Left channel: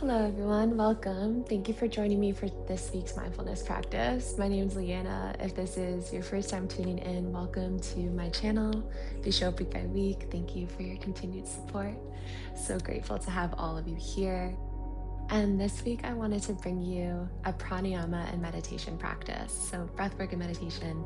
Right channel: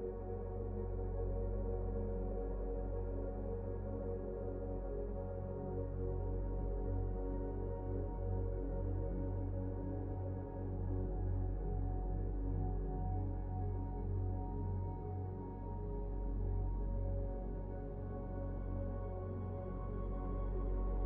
Hello, everyone. Welcome. Thank you for joining me for this week's mindfulness practice. My name is Leanna. If this is your first time tuning in, welcome to my channel. If you show up week by week, thank you for your continued support. So grateful to have all of you here. And this week, I wanted to bring you a pranayama and meditation practice. So, breathwork and meditation.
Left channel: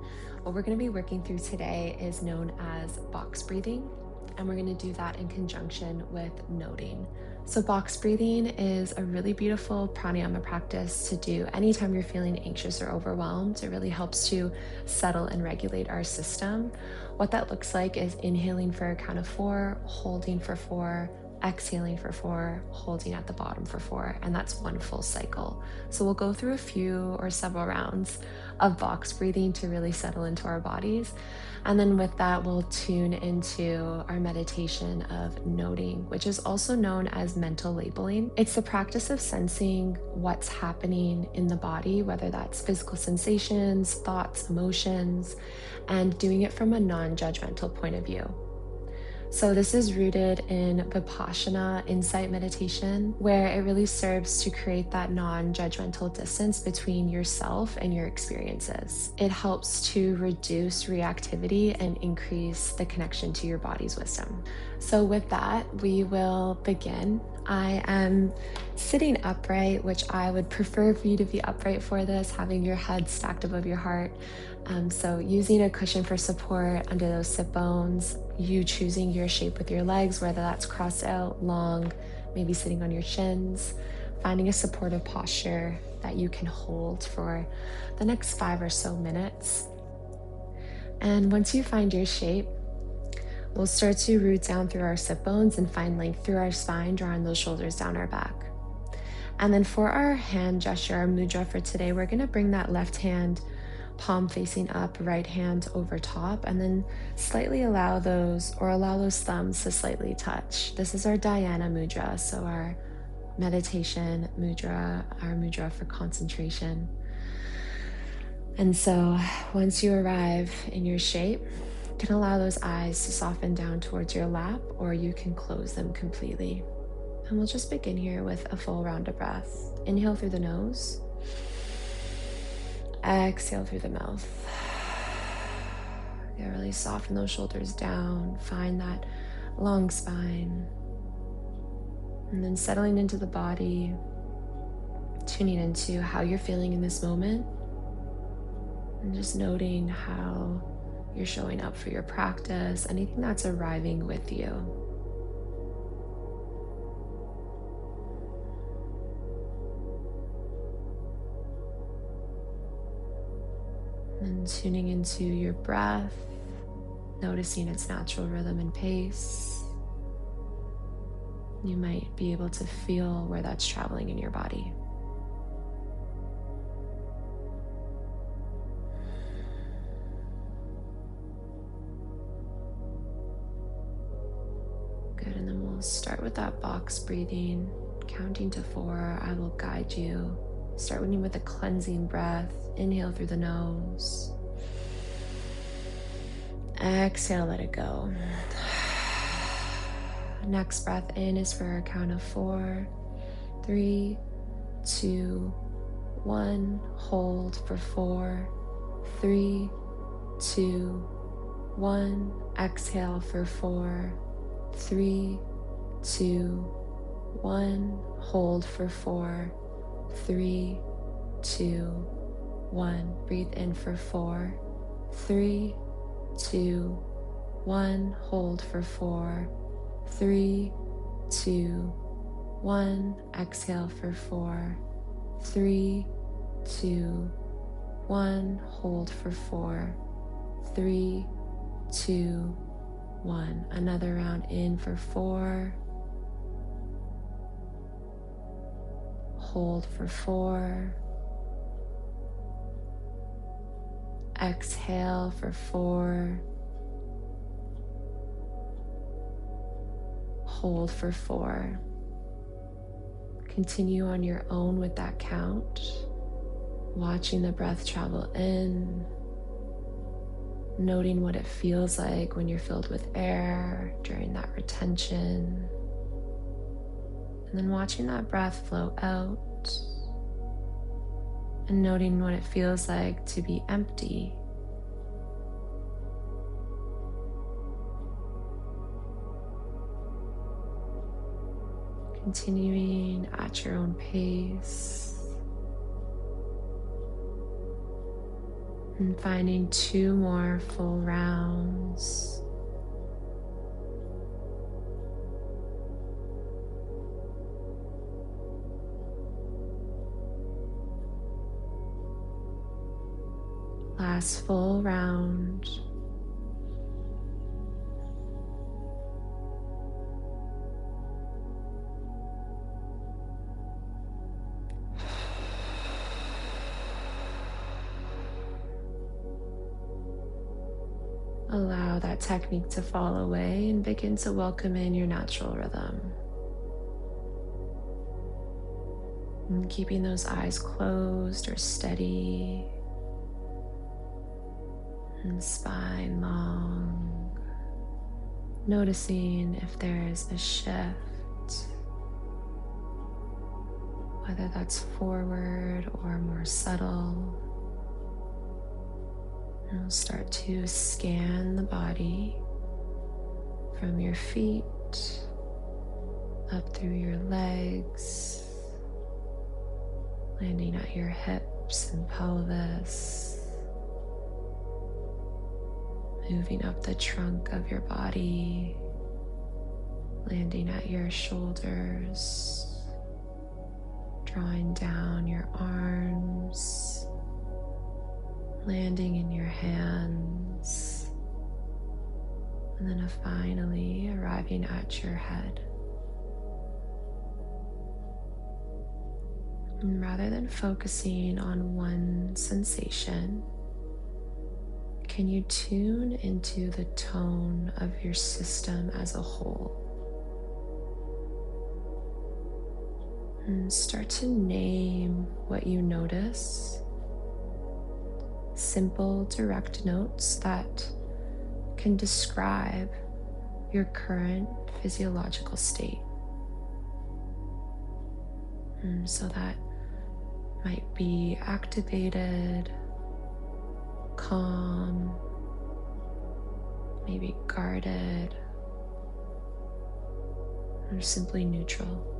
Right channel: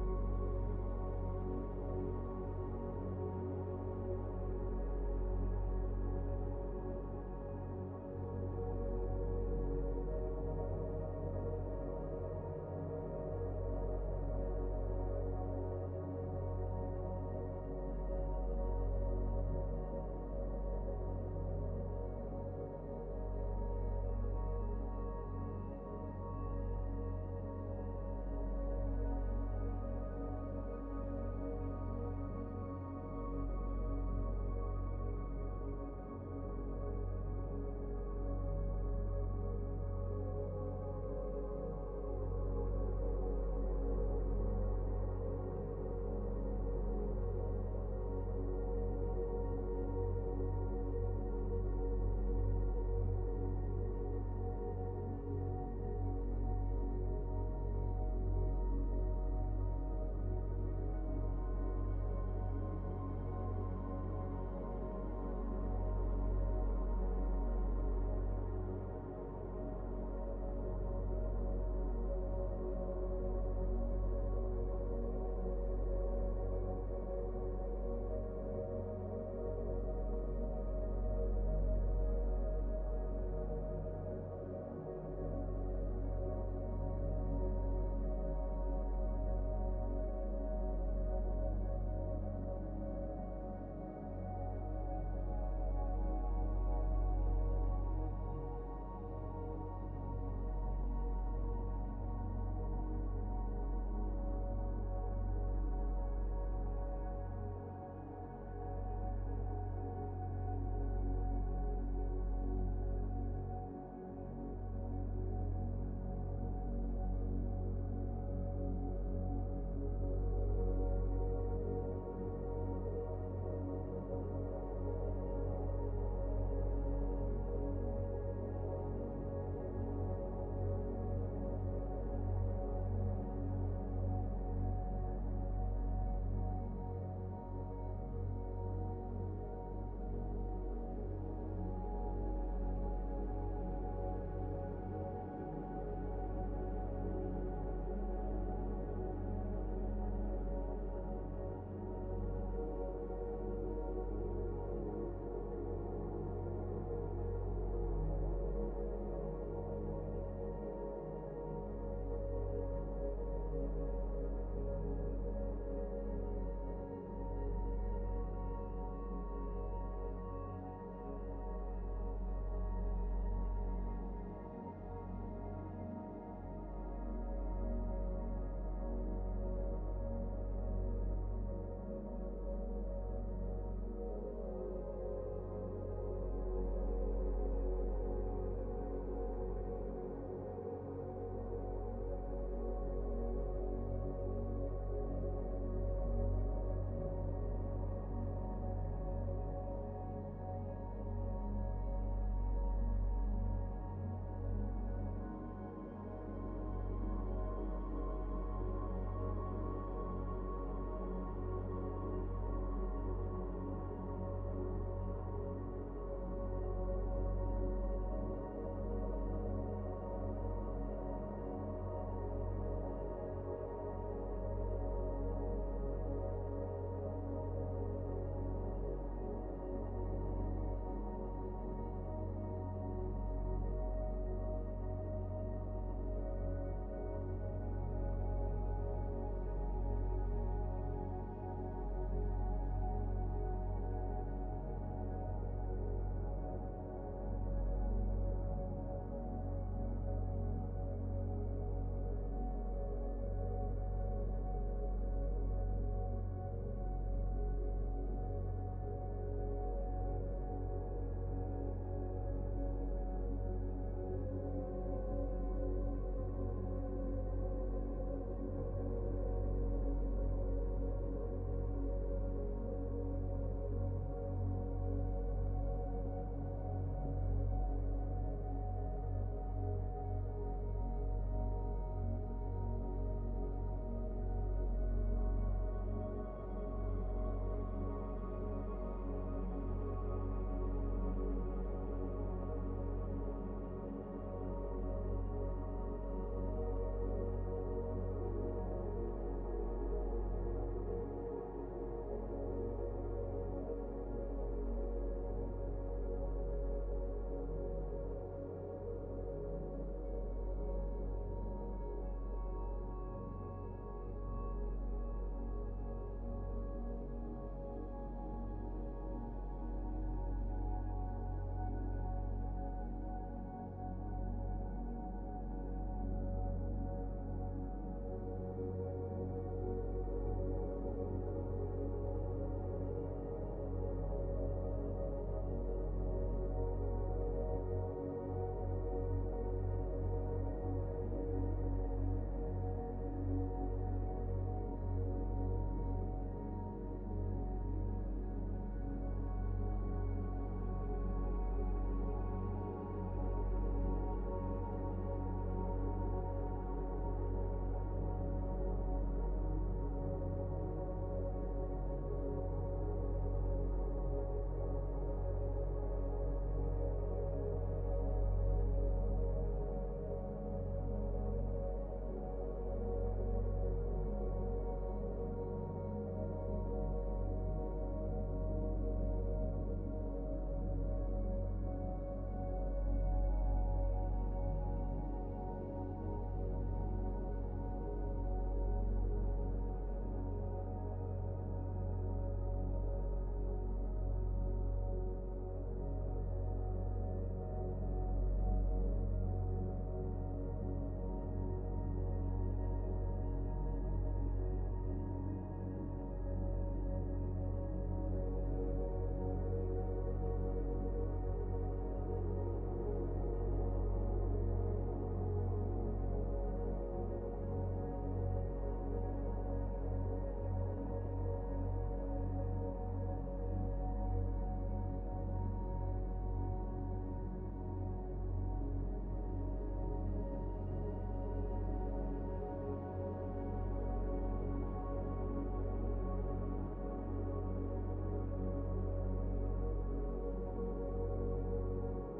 What we're going to be working through today is known as box breathing. And we're going to do that in conjunction with noting. So, box breathing is a really beautiful pranayama practice to do anytime you're feeling anxious or overwhelmed. It really helps to settle and regulate our system. What that looks like is inhaling for a count of 4, holding for 4, exhaling for 4, holding at the bottom for 4, and that's one full cycle. So we'll go through a few or several rounds of box breathing to really settle into our bodies. And then with that, we'll tune into our meditation of noting, which is also known as mental labeling. It's the practice of sensing what's happening in the body, whether that's physical sensations, thoughts, emotions, and doing it from a non-judgmental point of view. So this is rooted in Vipassana insight meditation, where it really serves to create that non-judgmental distance between yourself and your experiences. It helps to reduce reactivity and increase the connection to your body's wisdom. So with that, we will begin. I am sitting upright, which I would prefer for you to be upright for this, having your head stacked above your heart. So using a cushion for support under those sit bones, you choosing your shape with your legs, whether that's crossed out, long, maybe sitting on your shins, finding a supportive posture that you can hold for the next 5 or so minutes. And once you find your shape, we'll start to root down through our sit bones and find length through our spine, drawing those shoulders down our back. And then for our hand gesture, our mudra for today, we're going to bring that left hand palm facing up, right hand over top, and then slightly allow those thumbs to slightly touch. This is our dhyana mudra, so our meditation mudra, our mudra for concentration. And so once you arrive in your shape, you can allow those eyes to soften down towards your lap, or you can close them completely. And we'll just begin here with a full round of breath. Inhale through the nose. Exhale through the mouth. Yeah, really soften those shoulders down. Find that long spine. And then settling into the body, tuning into how you're feeling in this moment. And just noting how you're showing up for your practice, anything that's arriving with you. And tuning into your breath, noticing its natural rhythm and pace. You might be able to feel where that's traveling in your body. Good, and then we'll start with that box breathing, counting to 4. I will guide you. Start with a cleansing breath. Inhale through the nose. Exhale, let it go. Next breath in is for a count of 4. 3, 2, 1. Hold for 4. 3, 2, 1. Exhale for 4. 3, 2, 1. Hold for 4. 3, 2, 1. Breathe in for 4. 3, 2, 1. Hold for 4. 3, 2, 1. Exhale for 4. 3, 2, 1. Hold for 4. 3, 2, 1. Another round in for 4. Hold for 4. Exhale for 4. Hold for 4. Continue on your own with that count, watching the breath travel in, noting what it feels like when you're filled with air during that retention, And then watching that breath flow out and noting what it feels like to be empty. Continuing at your own pace and finding 2 more full rounds. Last full round. Allow that technique to fall away and begin to welcome in your natural rhythm. And keeping those eyes closed or steady and spine long. Noticing if there is a shift, whether that's forward or more subtle. And we'll start to scan the body from your feet up through your legs, landing at your hips and pelvis, moving up the trunk of your body, landing at your shoulders, drawing down your arms, landing in your hands, and then finally arriving at your head. And rather than focusing on one sensation, can you tune into the tone of your system as a whole? And start to name what you notice. Simple, direct notes that can describe your current physiological state. And so that might be activated, calm, maybe guarded, or simply neutral.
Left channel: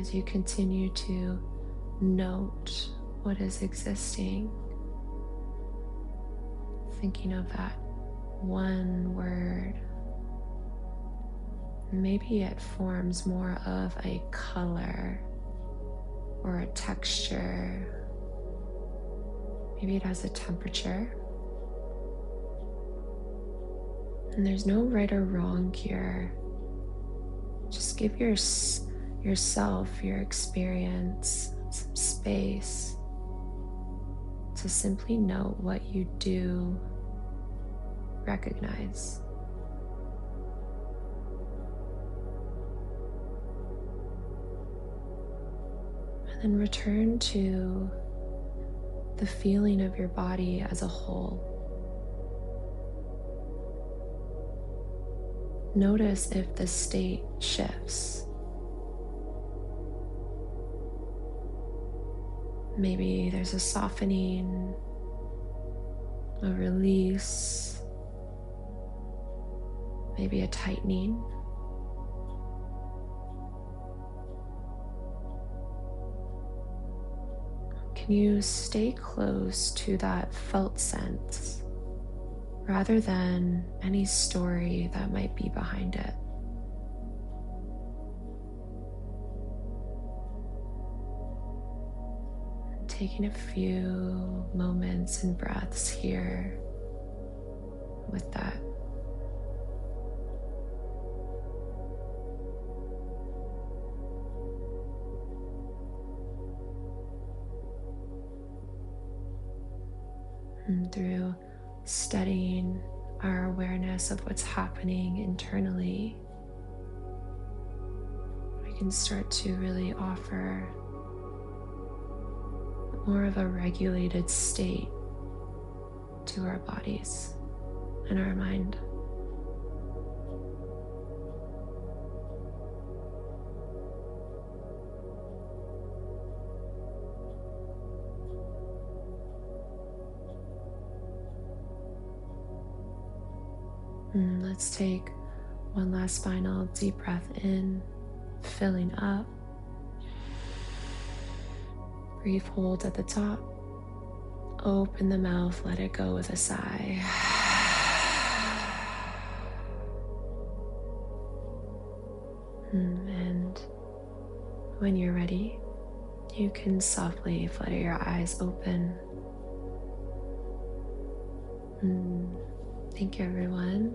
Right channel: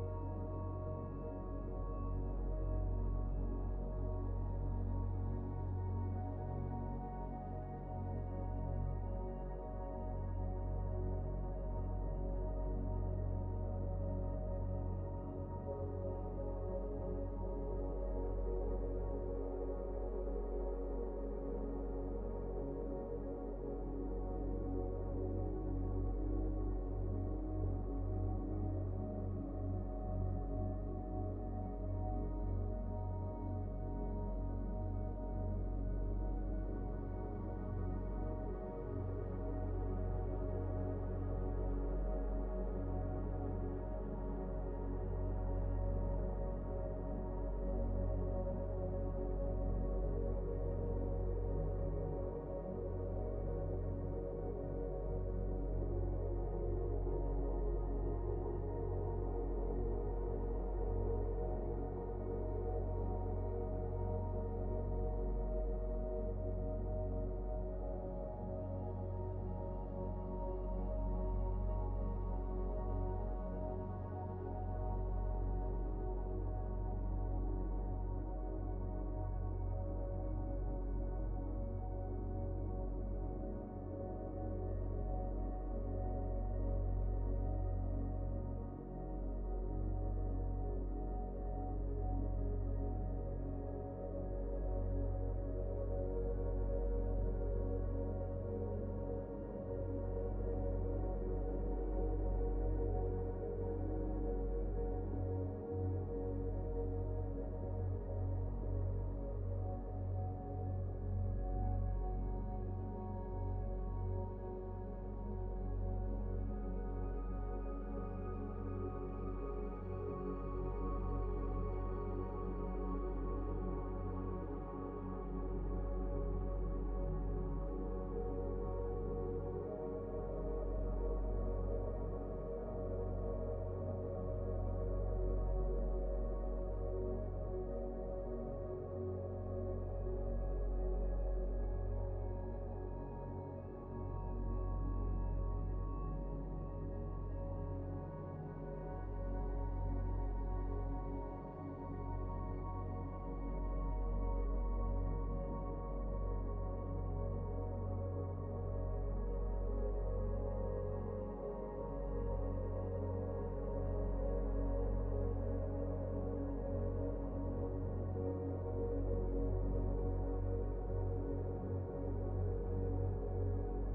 As you continue to note what is existing, thinking of that one word, maybe it forms more of a color or a texture. Maybe it has a temperature. And there's no right or wrong here. Just give yourself, your experience, some space to simply know what you do recognize. And then return to the feeling of your body as a whole. Notice if the state shifts. Maybe there's a softening, a release, maybe a tightening. Can you stay close to that felt sense rather than any story that might be behind it? Taking a few moments and breaths here with that. And through studying our awareness of what's happening internally, we can start to really offer more of a regulated state to our bodies and our mind. Let's take one last final deep breath in, filling up. Breathe, hold at the top. Open the mouth, let it go with a sigh. And when you're ready, you can softly flutter your eyes open. Thank you, everyone.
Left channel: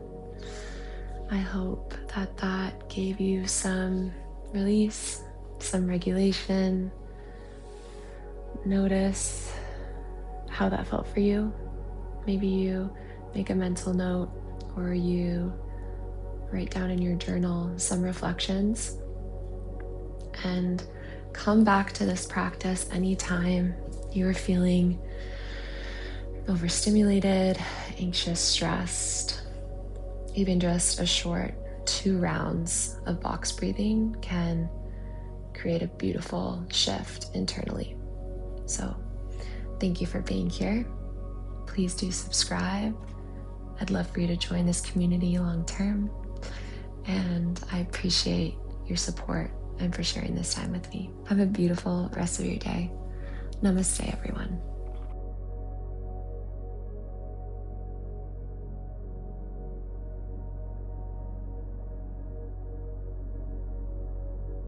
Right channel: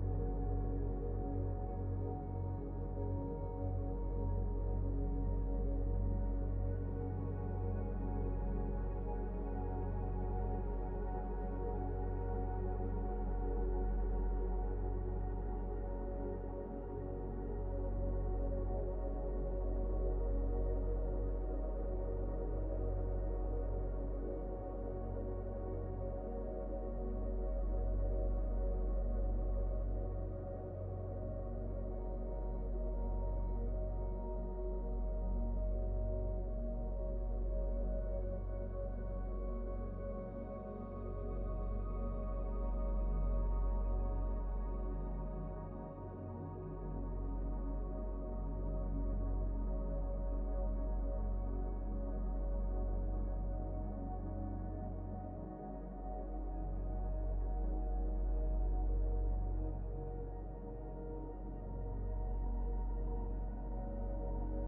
I hope that that gave you some release, some regulation. Notice how that felt for you. Maybe you make a mental note or you write down in your journal some reflections, and come back to this practice anytime you are feeling overstimulated, anxious, stressed. Even just a short 2 rounds of box breathing can create a beautiful shift internally. So thank you for being here. Please do subscribe. I'd love for you to join this community long term. And I appreciate your support and for sharing this time with me. Have a beautiful rest of your day. Namaste, everyone.